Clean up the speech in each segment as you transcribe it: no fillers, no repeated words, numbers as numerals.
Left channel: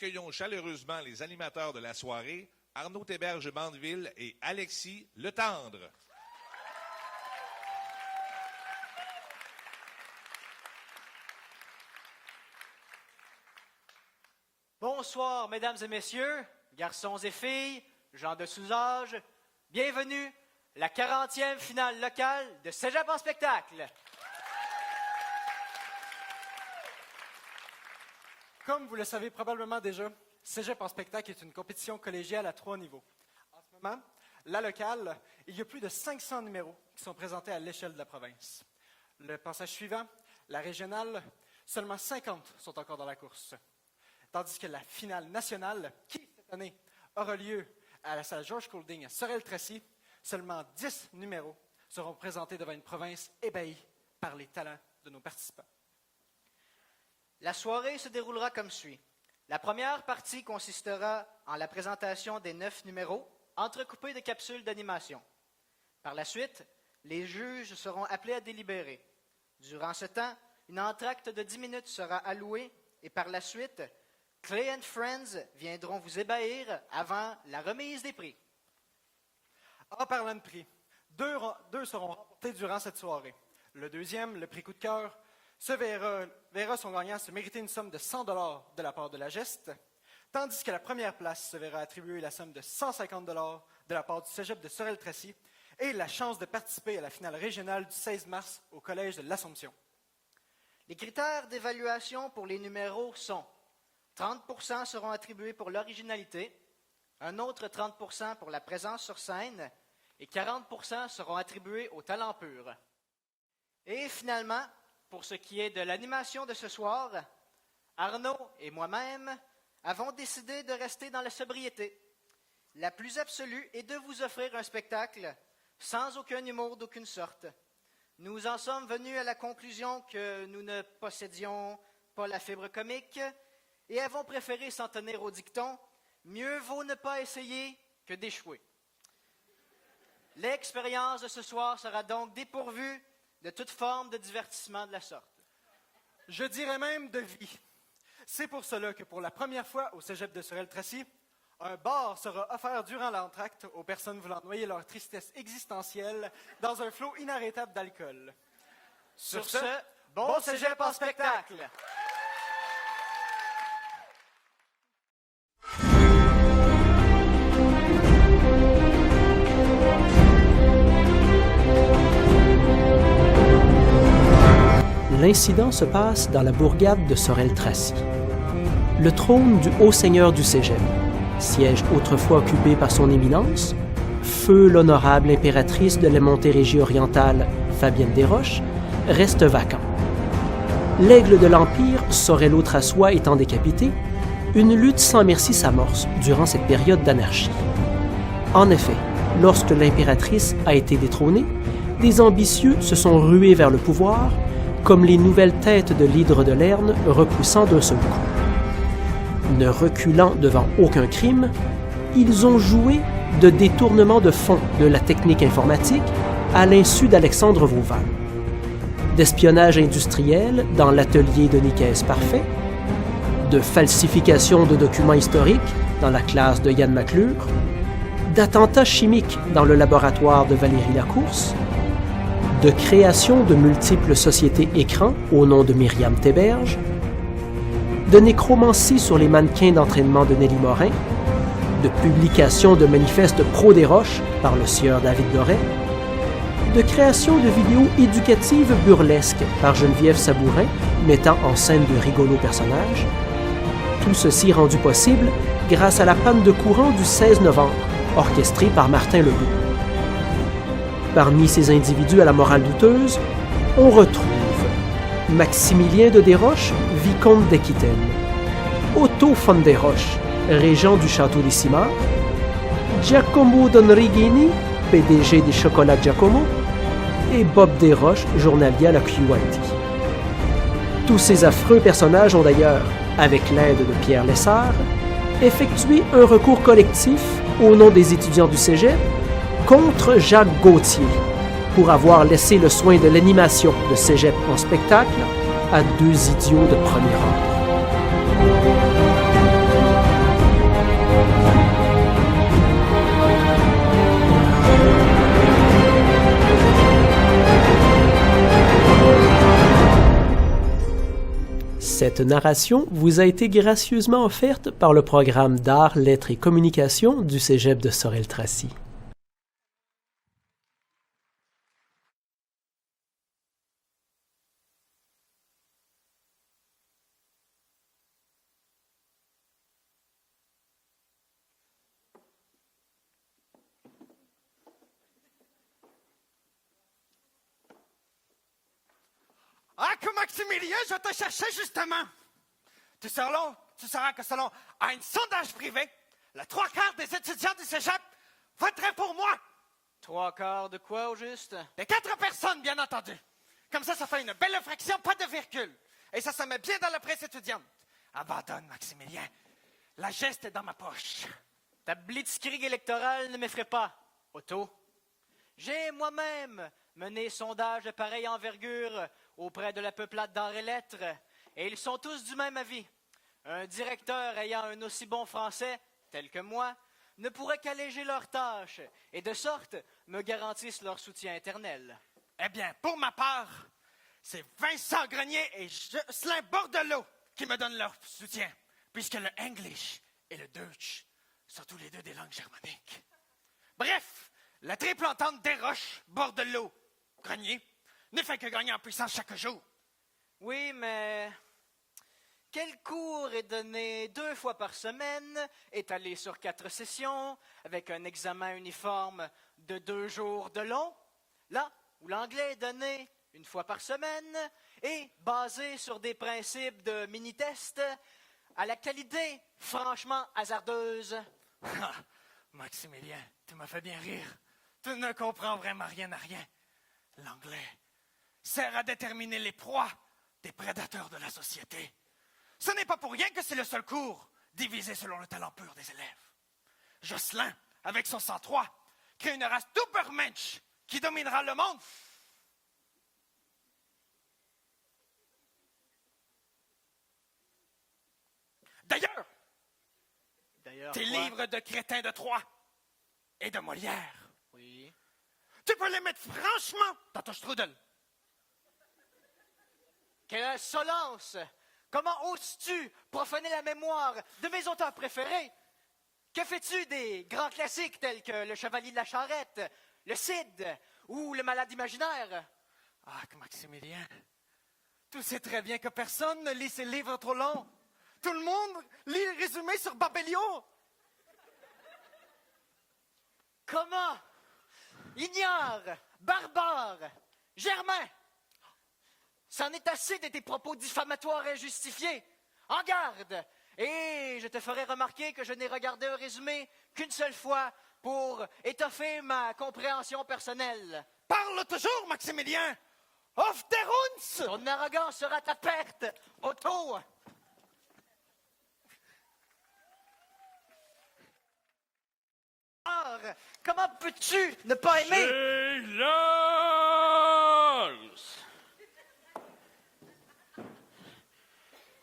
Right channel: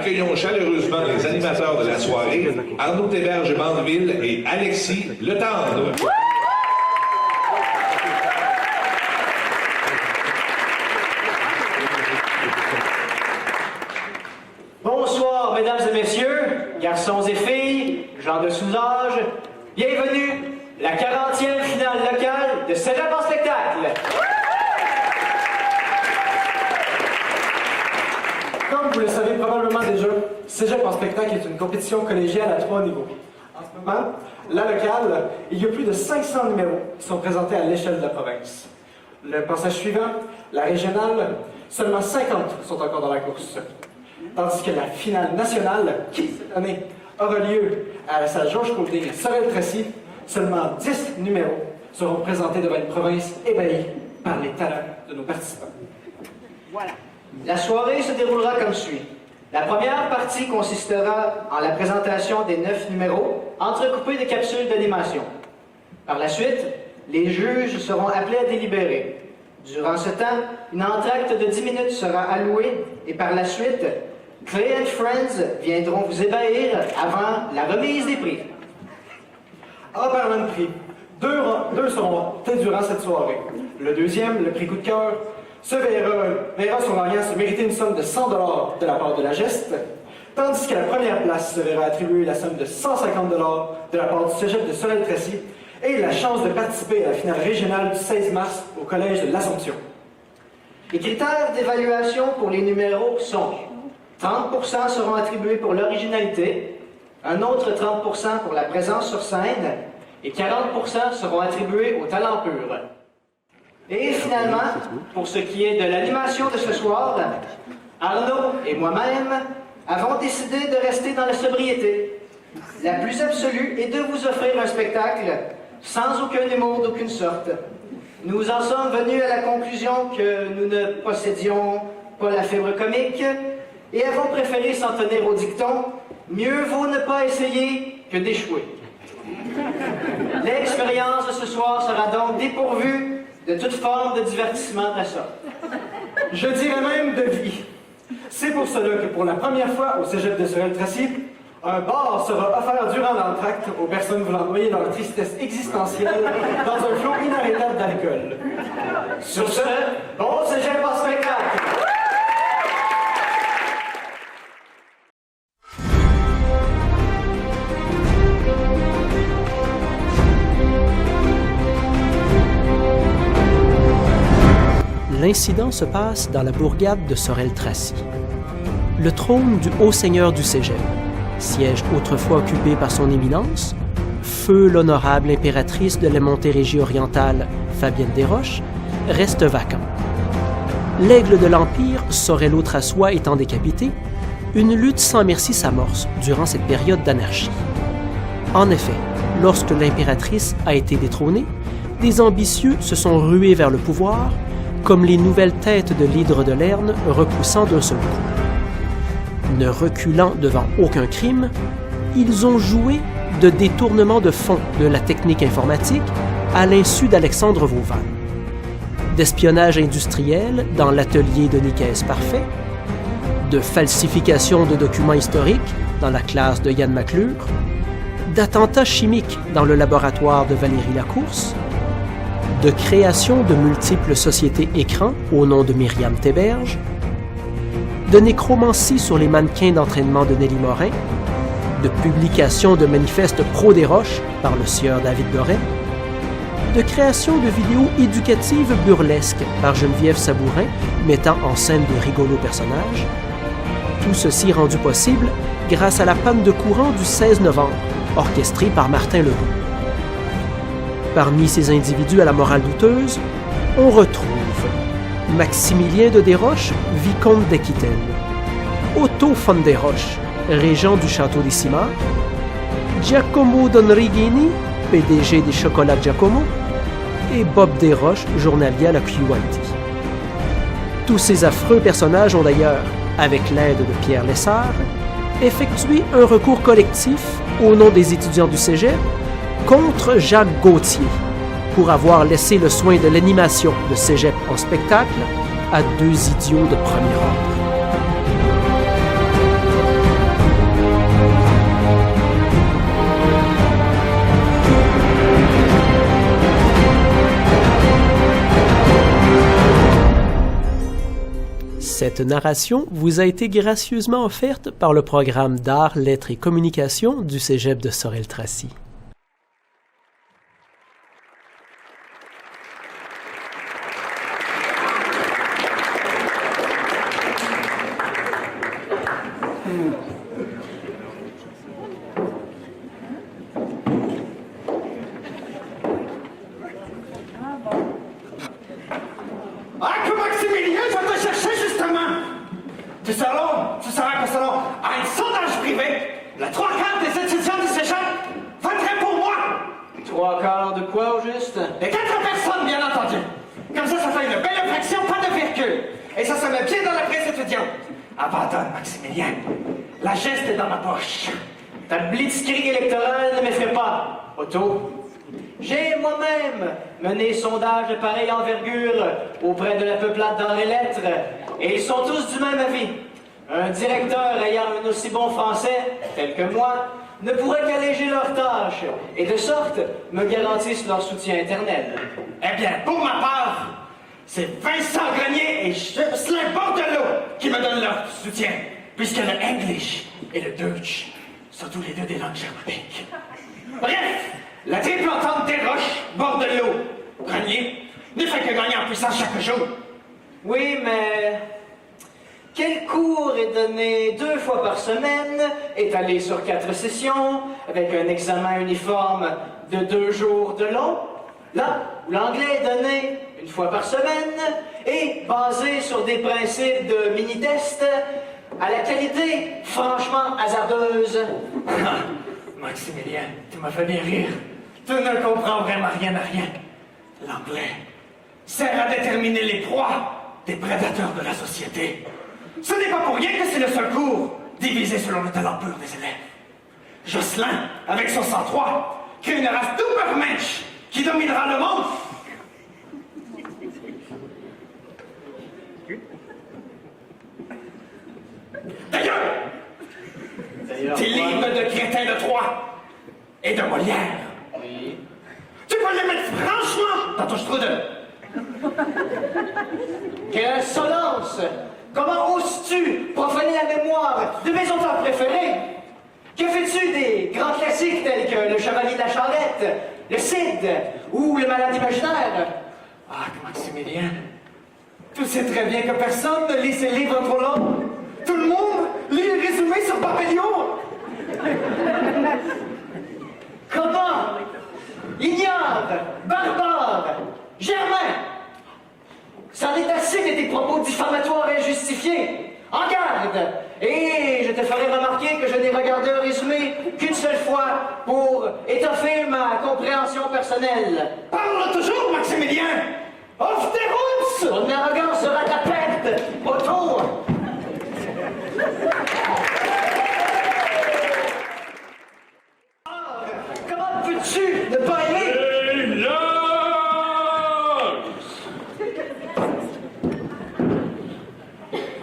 Accueillons chaleureusement les animateurs de la soirée, Arnaud Théberge-Mandeville et Alexis Letendre. Bonsoir, mesdames et messieurs, garçons et filles, gens de sous-âge. Bienvenue, la 40e finale locale de Cégep en spectacle. Comme vous le savez probablement déjà, Cégep en spectacle est une compétition collégiale à 3 niveaux. En ce moment, la locale, il y a plus de 500 numéros qui sont présentés à l'échelle de la province. Le passage suivant, la régionale, seulement 50 sont encore dans la course. Tandis que la finale nationale, qui cette année aura lieu à la salle Georges Côté à Sorel-Tracy, seulement 10 numéros seront présentés devant une province ébahie par les talents de nos participants. Voilà. La soirée se déroulera comme suit. La première partie consistera en la présentation des 9 numéros, entrecoupés de capsules d'animation. Par la suite, les juges seront appelés à délibérer. Durant ce temps, une entracte de 10 minutes sera allouée et par la suite, Clay and Friends viendront vous ébahir avant la remise des prix. En parlant de prix, deux seront faits durant cette soirée. Le deuxième, le prix coup de cœur, se verra son gagnant se mériter une somme de 100 $ de la part de la geste, tandis que la première place se verra attribuer la somme de 150 $ de la part du Cégep de Sorel-Tracy et la chance de participer à la finale régionale du 16 mars au Collège de l'Assomption. Les critères d'évaluation pour les numéros sont 30% seront attribués pour l'originalité, un autre 30% pour la présence sur scène et 40% seront attribués au talent pur. Et finalement, pour ce qui est de l'animation de ce soir, Arnaud et moi-même avons décidé de rester dans la sobriété. La plus absolue est de vous offrir un spectacle sans aucun humour d'aucune sorte. Nous en sommes venus à la conclusion que nous ne possédions pas la fibre comique et avons préféré s'en tenir au dicton « Mieux vaut ne pas essayer que d'échouer ». L'expérience de ce soir sera donc dépourvue de toute forme de divertissement de la sorte. Je dirais même de vie. C'est pour cela que pour la première fois au Cégep de Sorel-Tracy, un bar sera offert durant l'entracte aux personnes voulant noyer leur tristesse existentielle dans un flot inarrêtable d'alcool. Sur ce, bon Cégep en spectacle! L'incident se passe dans la bourgade de Sorel-Tracy. Le trône du haut seigneur du Cégep, siège autrefois occupé par son éminence, feu l'honorable impératrice de la Montérégie orientale, Fabienne Desroches, reste vacant. L'aigle de l'Empire, Sorel-Trassois étant décapité, une lutte sans merci s'amorce durant cette période d'anarchie. En effet, lorsque l'impératrice a été détrônée, des ambitieux se sont rués vers le pouvoir, comme les nouvelles têtes de l'hydre de Lerne repoussant d'un seul coup. Ne reculant devant aucun crime, ils ont joué de détournement de fonds de la technique informatique à l'insu d'Alexandre Vauvan, d'espionnage industriel dans l'atelier de Nicaise Parfait, de falsification de documents historiques dans la classe de Yann McClure, d'attentats chimiques dans le laboratoire de Valérie Lacourse, de création de multiples sociétés écrans au nom de Myriam Théberge, de nécromancie sur les mannequins d'entraînement de Nelly Morin, de publication de manifestes pro-Desroches par le sieur David Doré, de création de vidéos éducatives burlesques par Geneviève Sabourin mettant en scène de rigolos personnages, tout ceci rendu possible grâce à la panne de courant du 16 novembre, orchestrée par Martin Legault. Parmi ces individus à la morale douteuse, on retrouve Maximilien de Desroches, vicomte d'Aquitaine, Otto von Desroches, régent du château des Simards, Giacomo Donrighini, PDG des Chocolats Giacomo, et Bob Desroches, journalier à la QIT. Tous ces affreux personnages ont d'ailleurs, avec l'aide de Pierre Lessard, effectué un recours collectif au nom des étudiants du Cégep contre Jacques Gauthier pour avoir laissé le soin de l'animation de Cégep en spectacle à deux idiots de premier ordre. Cette narration vous a été gracieusement offerte par le programme d'art, lettres et communication du Cégep de Sorel-Tracy. Ah, que Maximilien, je te cherchais justement! Ce salon a un sondage privé. La 3/4 des étudiants du cégep voteraient pour moi. 3/4 de quoi au juste? Et 4 personnes, bien entendu. Comme ça fait une belle inflexion, pas de virgule. Et ça se met bien dans la presse étudiante. Abandonne, Maximilien. La geste est dans ma poche. Ta blitzkrieg électorale ne m'effraie pas, Otto. J'ai moi-même mené sondage de pareille envergure auprès de la peuplade dans les lettres, et ils sont tous du même avis. Un directeur ayant un aussi bon français, tel que moi, ne pourrait qu'alléger leurs tâches, et de sorte me garantissent leur soutien éternel. Eh bien, pour ma part, c'est Vincent Grenier et Jocelyn Bordelot qui me donnent leur soutien, puisque le English et le Deutsch sont tous les deux des langues germaniques. Bref, la triple entente des Roches, Bordelot, Grenier, ne fait que gagner en puissance chaque jour. Oui, mais quel cours est donné 2 fois par semaine, étalé sur 4 sessions, avec un examen uniforme de 2 jours de long? Là, l'anglais est donné 1 fois par semaine et basé sur des principes de mini-test à la qualité franchement hasardeuse. Ah, Maximilien, tu m'as fait bien rire. Tu ne comprends vraiment rien à rien. L'anglais sert à déterminer les proies des prédateurs de la société. Ce n'est pas pour rien que c'est le seul cours divisé selon le talent pur des élèves. Jocelyn, avec son sang-froid, crée une race d'Ubermensch qui dominera le monde. D'ailleurs, tes livres de Crétin le Troie et de Molière, Oui. tu peux les mettre franchement dans ton strudel. Quelle insolence! Comment oses-tu profaner la mémoire de mes auteurs préférés? Que fais-tu des grands classiques tels que Le Chevalier de la Charrette, Le Cid ou Le Malade imaginaire? Ah, Maximilien, tu sais très bien que personne ne lit ces livres trop longs. Tout le monde lit le résumé sur Papillon. Comment? Ignare, barbare, Germain! C'en est assez de tes propos diffamatoires injustifiés. En garde! Et je te ferai remarquer que je n'ai regardé un résumé qu'une seule fois pour étoffer ma compréhension personnelle. Parle toujours, Maximilien. Off tes routes. Ton arrogance sera ta perte, Otto! Comment peux-tu ne pas aimer?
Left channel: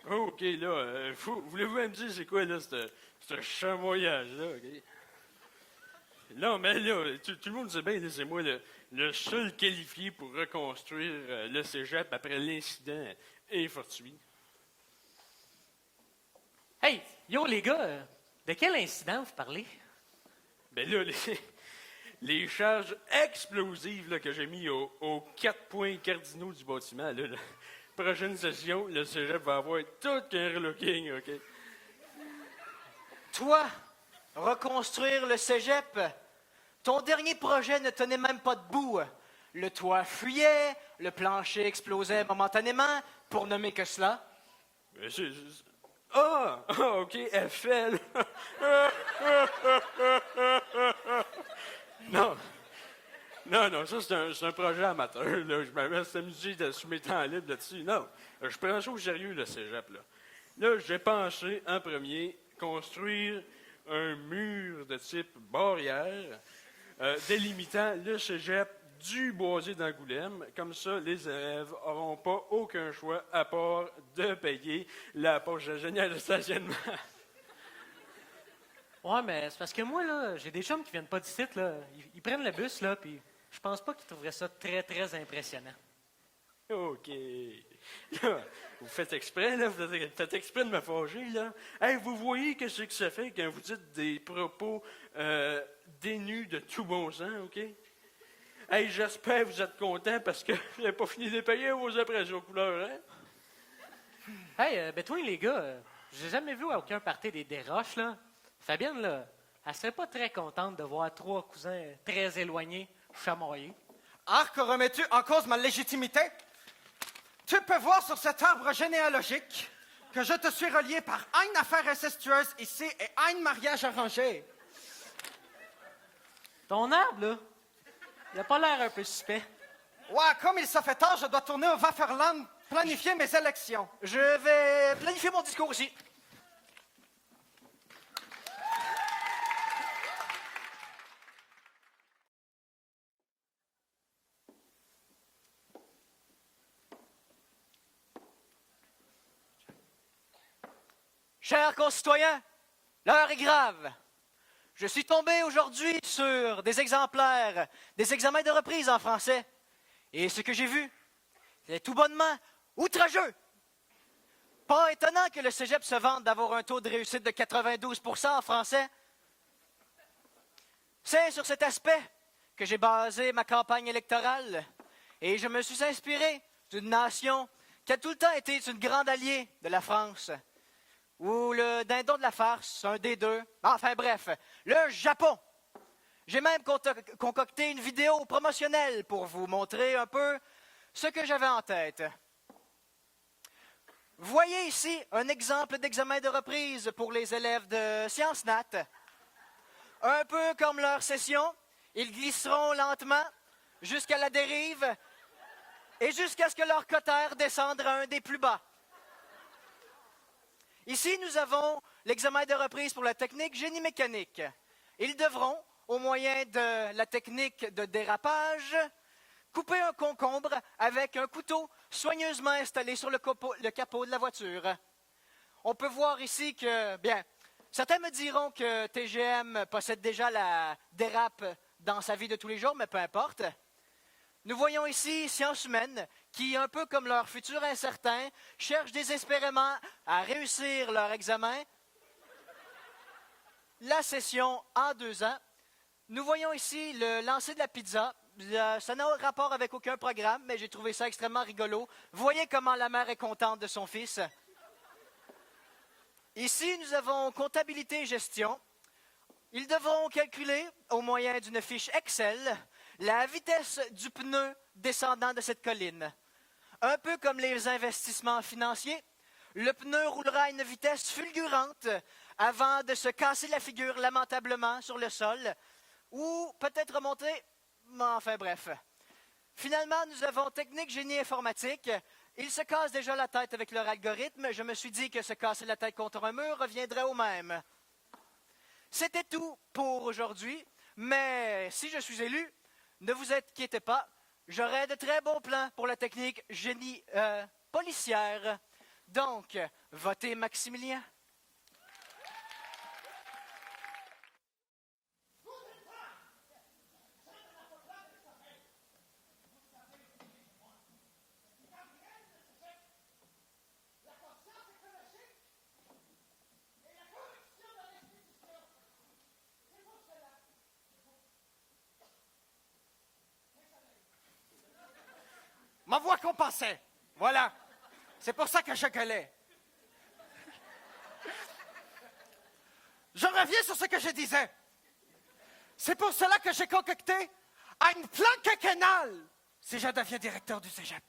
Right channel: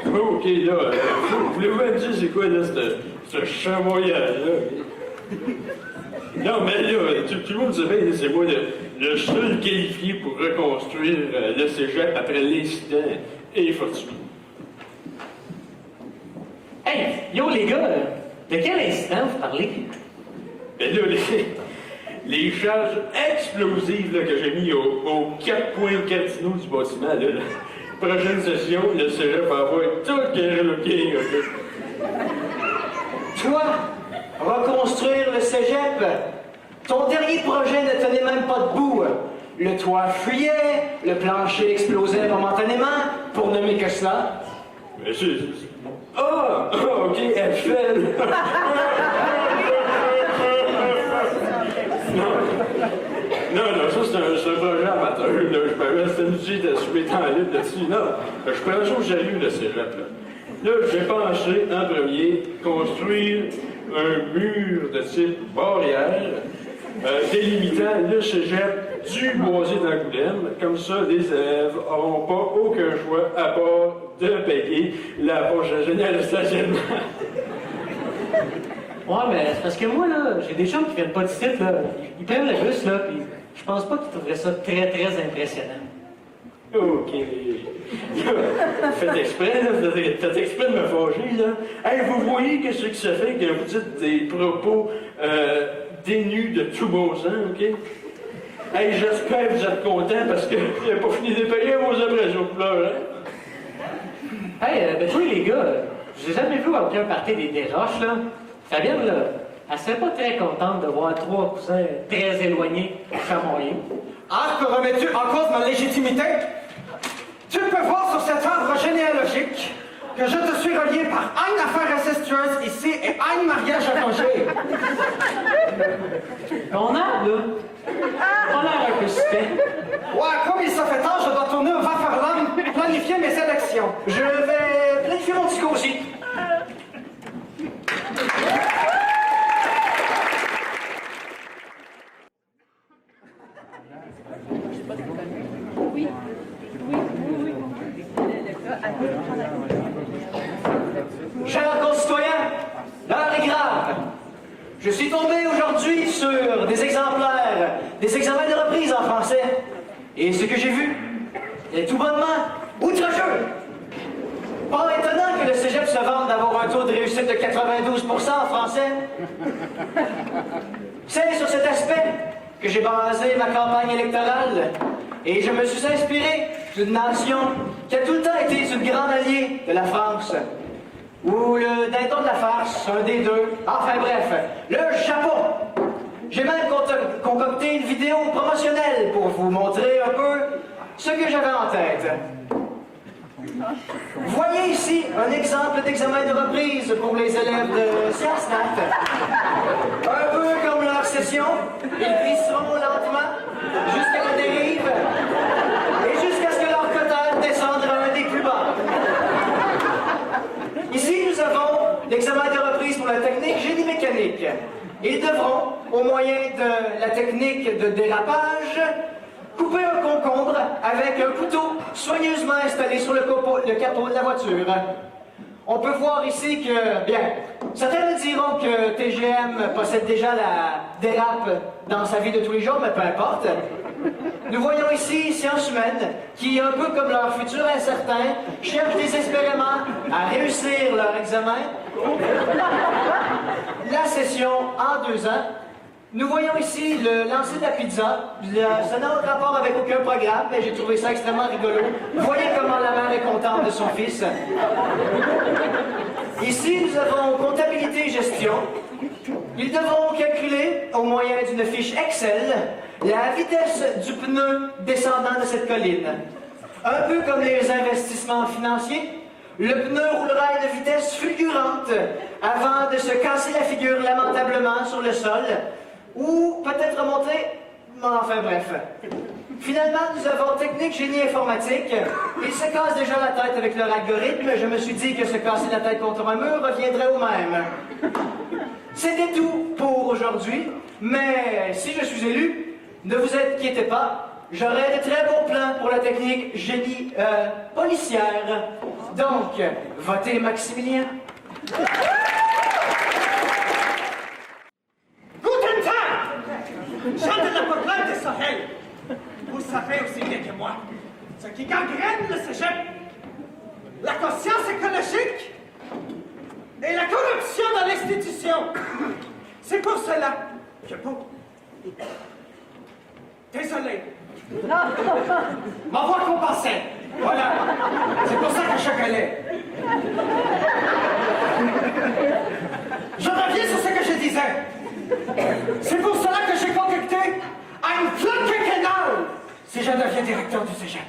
OK, là, voulez-vous me dire c'est quoi, là, ce chamoyage-là? Non, mais là, tout le monde dirait que c'est moi le seul qualifié pour reconstruire le cégep après l'incident et fortuit. Hey, yo les gars, de quel incident vous parlez? Mais là, les charges explosives là, que j'ai mis au 4.4 casino du bâtiment, là, la prochaine session, le cégep va avoir tout qui est reloqué. Toi, reconstruire le cégep, ton dernier projet ne tenait même pas debout. Le toit fuyait, le plancher explosait momentanément, pour nommer que ça. Mais Ah! OK, FL! Non, ça c'est un projet amateur, là. Je me laisse amuser d'assumer tant libre dessus. Non, je prends ça au sérieux, le cégep, là. Là, j'ai pensé, en premier, construire un mur de type barrière, délimitant le cégep du boisier d'Angoulême. Comme ça, les élèves n'auront pas aucun choix à part de payer la poche générale de stationnement. Ouais, mais c'est parce que moi, là, j'ai des gens qui viennent pas de site, là. Ils prennent le bus, là, puis je pense pas qu'ils trouveraient ça très, très impressionnant. OK. Faites exprès, là, faites exprès de me fâcher, là. Hey, vous voyez qu'est-ce que ça fait que vous dites des propos dénus de tout bon sens, OK? Hey, j'espère que vous êtes contents parce que j'ai pas fini de payer vos impressions de pleurs, hein? Hey, de tous les gars, j'ai jamais vu aucun party des roches, là. Fabienne, là, elle serait pas très contente de voir 3 cousins très éloignés chamoyer. Ah, te remets-tu en cause ma légitimité? Tu peux voir sur cet arbre généalogique que je te suis relié par une affaire incestueuse ici et un mariage arrangé. Ton arbre, là, on a un peu suspect. Ouais, comme il s'en fait tard, je dois tourner au Vafarland, planifier mes élections. Je vais planifier mon discours aussi. Chers concitoyens, l'heure est grave. Je suis tombé aujourd'hui sur des exemplaires, des examens de reprise en français. Et ce que j'ai vu est tout bonnement outrageux. Pas étonnant que le cégep se vante d'avoir un taux de réussite de 92% en français. C'est sur cet aspect que j'ai basé ma campagne électorale. Et je me suis inspiré d'une nation qui a tout le temps été une grande alliée de la France. Ou le dindon de la farce, un des deux. Enfin bref, le Japon. J'ai même concocté une vidéo promotionnelle pour vous montrer un peu ce que j'avais en tête. Voyez ici un exemple d'examen de reprise pour mes élèves de Sciences Nat. Un peu comme leur session, ils glisseront lentement jusqu'à la dérive et jusqu'à ce que leur cotère descende à un des plus bas. Ici, nous avons l'examen de reprise pour la technique génie mécanique. Ils devront, au moyen de la technique de dérapage, couper un concombre avec un couteau soigneusement installé sur le capot de la voiture. On peut voir ici que, bien, certains me diront que TGM possède déjà la dérape dans sa vie de tous les jours, mais peu importe. Nous voyons ici sciences humaines qui, un peu comme leur futur incertain, cherchent désespérément à réussir leur examen. La session en 2 ans. Nous voyons ici le lancer de la pizza. Ça n'a aucun rapport avec aucun programme, mais j'ai trouvé ça extrêmement rigolo. Vous voyez comment la mère est contente de son fils. Ici, nous avons comptabilité et gestion. Ils devront calculer, au moyen d'une fiche Excel, la vitesse du pneu descendant de cette colline. Un peu comme les investissements financiers, le pneu roulera à une vitesse fulgurante avant de se casser la figure lamentablement sur le sol, ou peut-être remonter, enfin bref. Finalement, nous avons technique génie informatique. Ils se cassent déjà la tête avec leur algorithme. Je me suis dit que se casser la tête contre un mur reviendrait au même. C'était tout pour aujourd'hui, mais si je suis élu, ne vous inquiétez pas, j'aurai de très bons plans pour la technique génie policière. Donc, votez Maximilien. Guten Tag! Jean de la Peuplade de Sahel. Vous savez aussi bien que moi ce qui gangrène le cégep, la conscience écologique et la corruption dans l'institution. C'est pour cela que vous... Désolé. On va compenser. Voilà. C'est pour ça que je calais. Je reviens sur ce que je disais. C'est pour cela que j'ai concocté un plan quinquennal si je deviens directeur du cégep.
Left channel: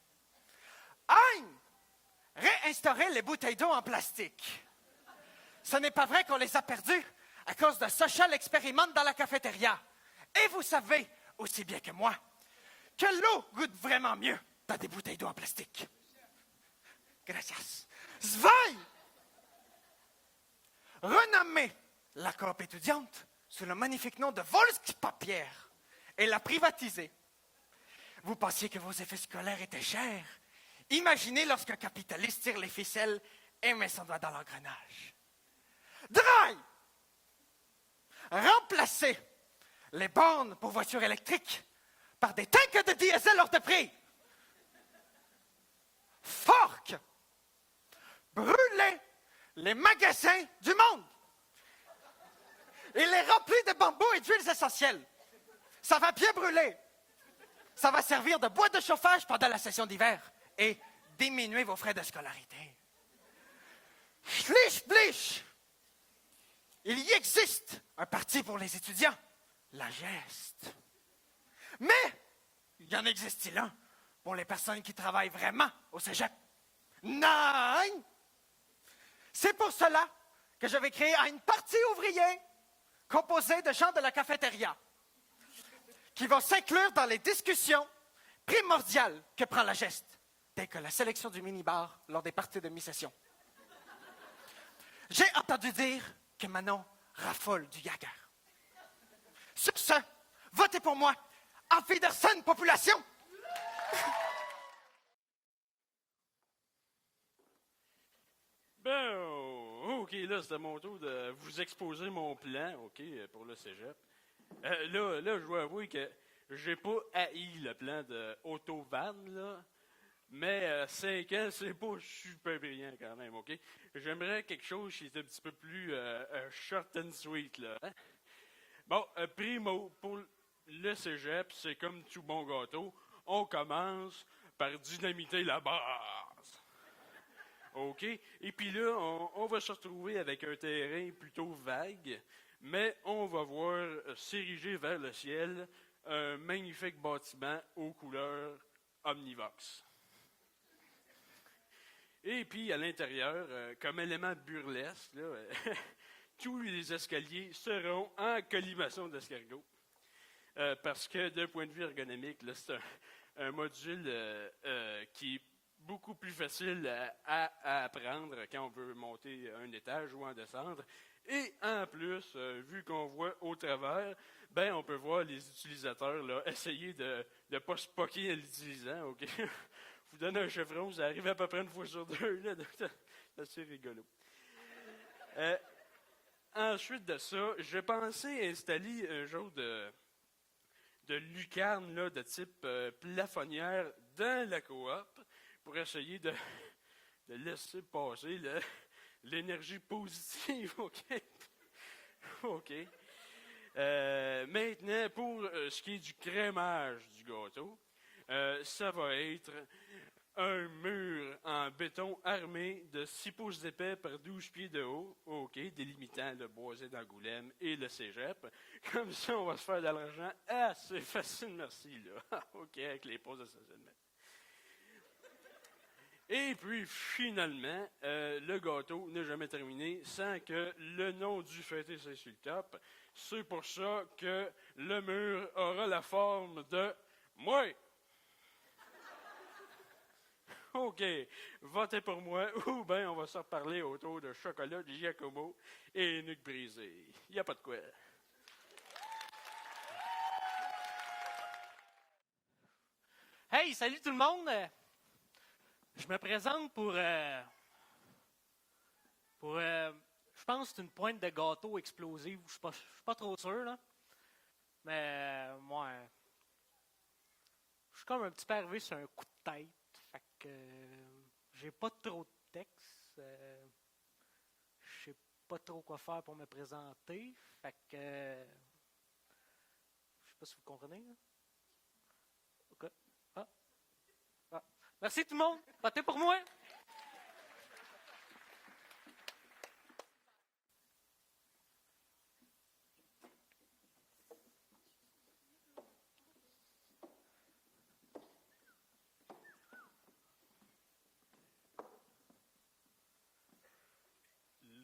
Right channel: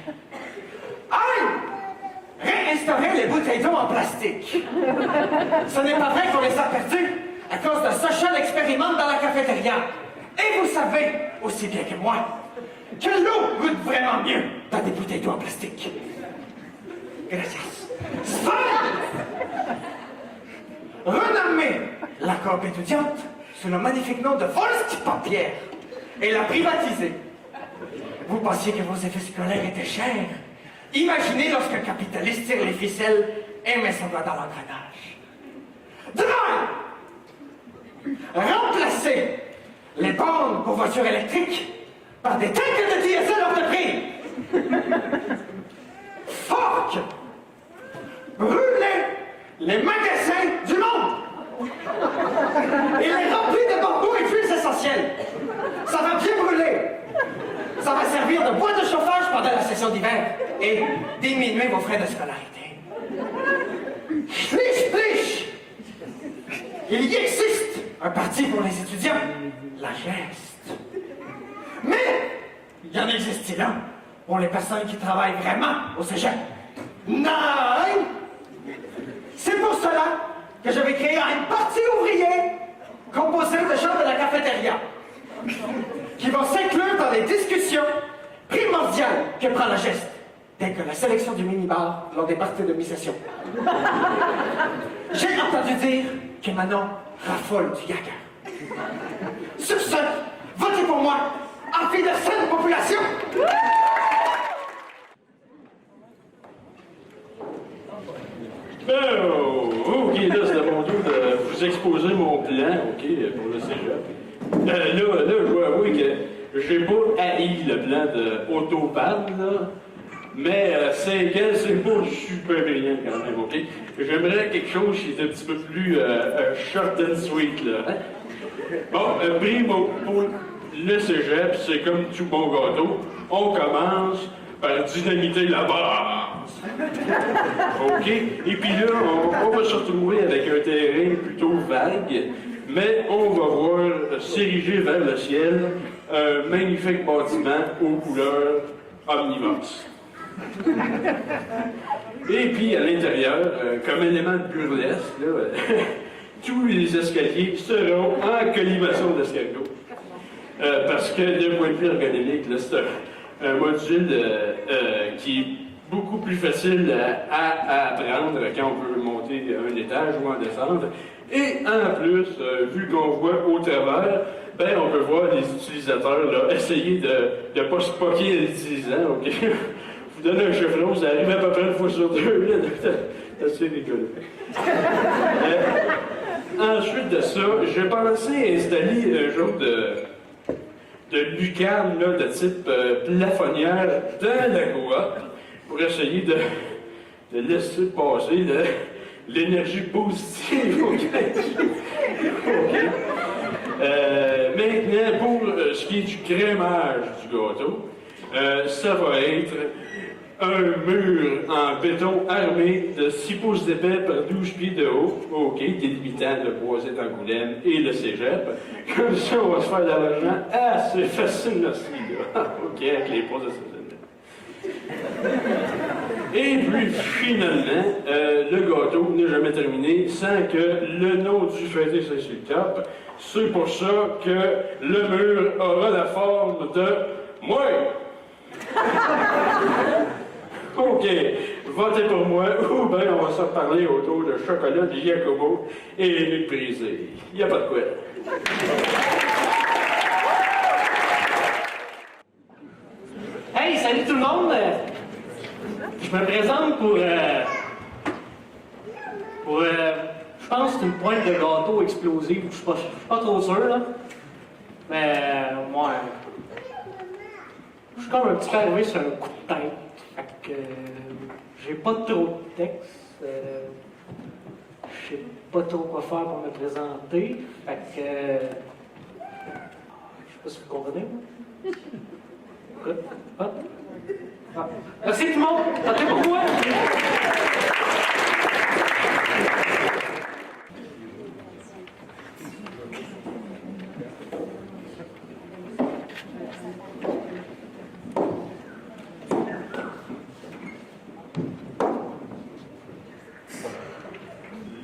Réinstaurer les bouteilles d'eau en plastique. Ce n'est pas vrai qu'on les a perdues à cause de ce seul expérimente dans la cafétéria. Et vous savez, aussi bien que moi, que l'eau goûte vraiment mieux dans des bouteilles d'eau en plastique. Gracias. Renommer la coque étudiante sous le magnifique nom de Volkspapier et la privatiser. Vous pensiez que vos effets scolaires étaient chers? Imaginez lorsque le capitaliste tire les ficelles et met son doigt dans l'engrenage. Demain, remplacer les bornes pour voitures électriques par des tanks de diesel entrepris. il y existe un parti pour les étudiants, la geste. Mais il y en existe-t-il un pour les personnes qui travaillent vraiment au cégep? Non! C'est pour cela que je vais créer un parti ouvrier composé de gens de la cafétéria qui vont s'inclure dans les discussions primordiales que prend la geste, telles que la sélection du minibar lors des parties de mi-session. J'ai entendu dire que Manon raffole du gaga. Sur ce, votez pour moi en fin de cette population! Ben, OK, là, c'est à mon tour de vous exposer mon plan, OK, pour le cégep. Là, je dois avouer que j'ai pas haï le plan de Autobahn, là, mais c'est pas super brillant quand même, OK? J'aimerais quelque chose qui est un petit peu plus short and sweet, là. Hein? Bon, primo, pour le cégep, c'est comme tout bon gâteau. On commence par dynamiter la base. OK? Et puis là, on va se retrouver avec un terrain plutôt vague, mais on va voir s'ériger vers le ciel un magnifique bâtiment aux couleurs omnivorses. Et puis à l'intérieur, comme élément de burlesque, là, tous les escaliers seront en collimation d'escargots. Parce que d'un point de vue ergonomique, là, c'est un module qui est beaucoup plus facile à apprendre quand on veut monter un étage ou en descendre. Et en plus, vu qu'on voit au travers, ben, on peut voir les utilisateurs là, essayer de ne pas se poquer en l'utilisant. OK? Vous donnez un chevron, ça arrive à peu près une fois sur deux. C'est assez rigolo. Ensuite de ça, j'ai pensé installer un genre de lucarne là, de type plafonnière dans la coop pour essayer de laisser passer l'énergie positive. OK. Maintenant, pour ce qui est du crémage du gâteau, ça va être un mur en béton armé de 6 pouces d'épais par 12 pieds de haut, OK, délimitant le boisé d'Angoulême et le cégep. Comme ça, on va se faire de l'argent assez facile aussi, là. OK, avec les pauses de cégep. Et puis, finalement, le gâteau n'est jamais terminé sans que le nom du fêté soit sur le top. C'est pour ça que le mur aura la forme de moi. OK, votez pour moi, ou bien on va se reparler autour de chocolat de Giacomo et Luc Brisé. Il n'y a pas de quoi. Hey, salut tout le monde! Je me présente pour je pense que c'est une pointe de gâteau explosive, je suis pas trop sûr, là. Mais, moi, je suis comme un petit peu arrivé sur un coup de tête. Fait que, j'ai pas trop de texte. Je sais pas trop quoi faire pour me présenter. Fait que, je sais pas si vous comprenez. Merci tout le monde! Votez pour moi!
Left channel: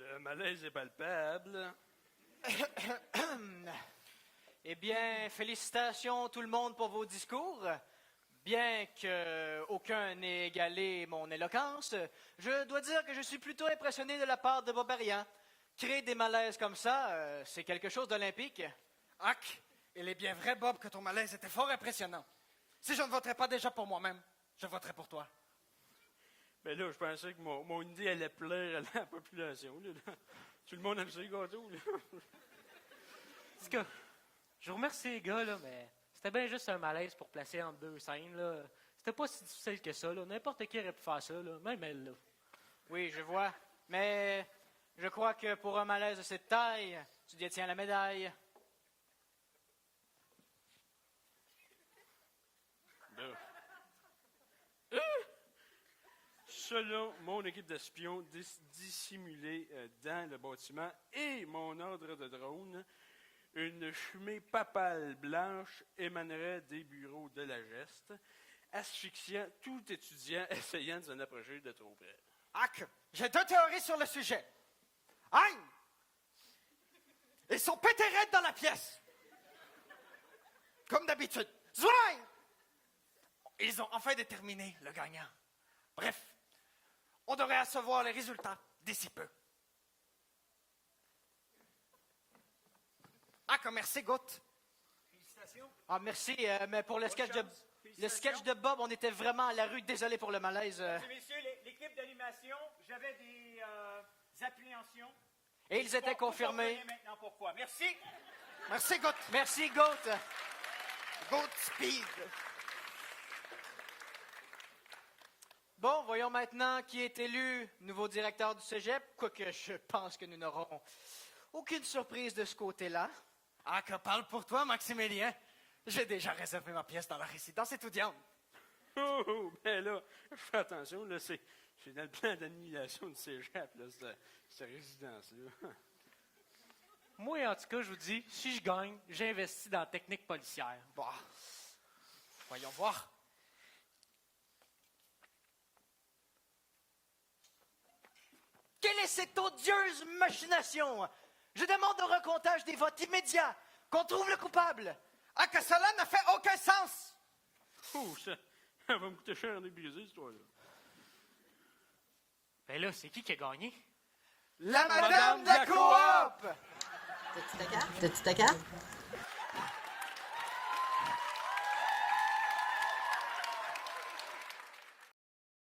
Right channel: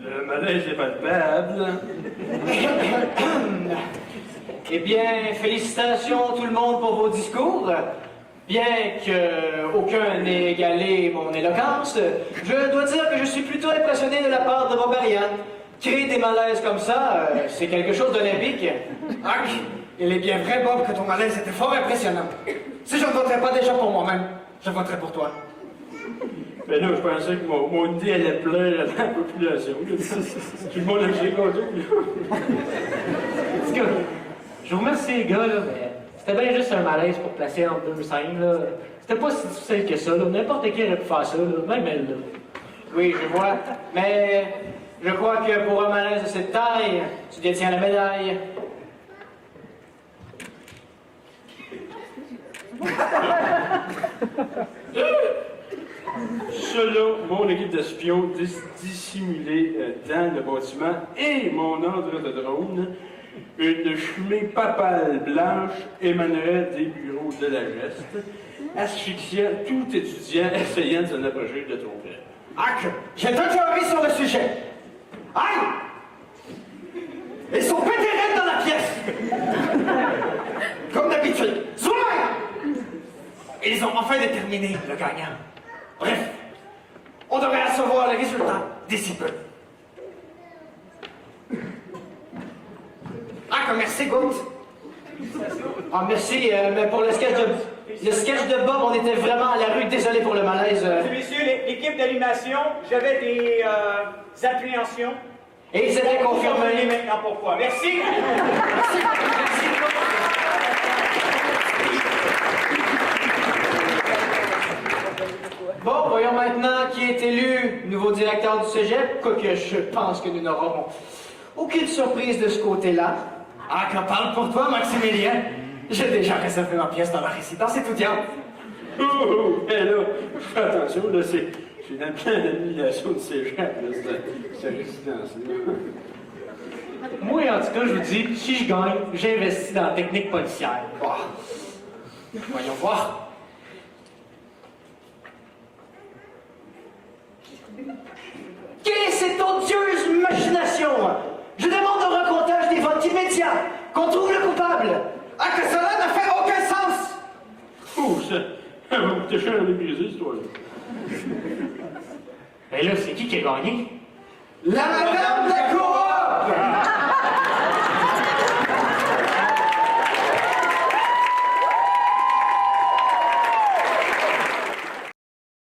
Le malaise est palpable. Eh bien, félicitations tout le monde pour vos discours. Bien qu'aucun n'ait égalé mon éloquence, je dois dire que je suis plutôt impressionné de la part de vos variantes. Créer des malaises comme ça, c'est quelque chose d'olympique. Ah, il est bien vrai, Bob, que ton malaise était fort impressionnant. Si je ne voterais pas déjà pour moi-même, je voterais pour toi. Mais là, je pensais que mon idée allait plaire à la population. Tout le monde aime ses gâteaux. En tout cas, je vous remercie les gars, là, mais c'était bien juste un malaise pour placer entre deux scènes, là. C'était pas si difficile que ça, là. N'importe qui aurait pu faire ça, là. Même elle, là. Oui, je vois. Mais je crois que pour un malaise de cette taille, tu détiens la médaille. Selon mon équipe d'espions dissimulée dans le bâtiment et mon ordre de drone, une fumée papale blanche émanerait des bureaux de la geste, asphyxiant tout étudiant essayant de s'en approcher de trop près. Hack, j'ai deux théories sur le sujet. Aïe! Ils sont pétérés dans la pièce! Comme d'habitude. Zoom! Ils ont enfin déterminé le gagnant. Bref, on devrait recevoir les résultats d'ici peu. Ah, merci, Gout. Ah, merci, mais pour le sketch de Bob, on était vraiment à la rue. Désolé pour le malaise. Messieurs, l'équipe d'animation, j'avais des appréhensions. Et ils étaient Confirmez confirmés. maintenant pourquoi. Merci. Bon, voyons maintenant qui est élu nouveau directeur du cégep, quoique je pense que nous n'aurons aucune surprise de ce côté-là. Ah, qu'en parle pour toi, Maximilien. J'ai déjà réservé ma pièce dans la résidence étudiante. Oh, oh, hé là, fais attention, là, c'est la pleine annulation de ces gens, là, cette résidence-là. Moi, en tout cas, je vous dis, si je gagne, j'investis dans la technique policière. Bah, voyons voir. Quelle est cette odieuse machination? Je demande un recomptage des votes immédiat, qu'on trouve le coupable. Ah, que cela ne fait aucun sens! Oh, ça va coûter cher à l'église, cette histoire-là. Et là, c'est qui a gagné? La madame de la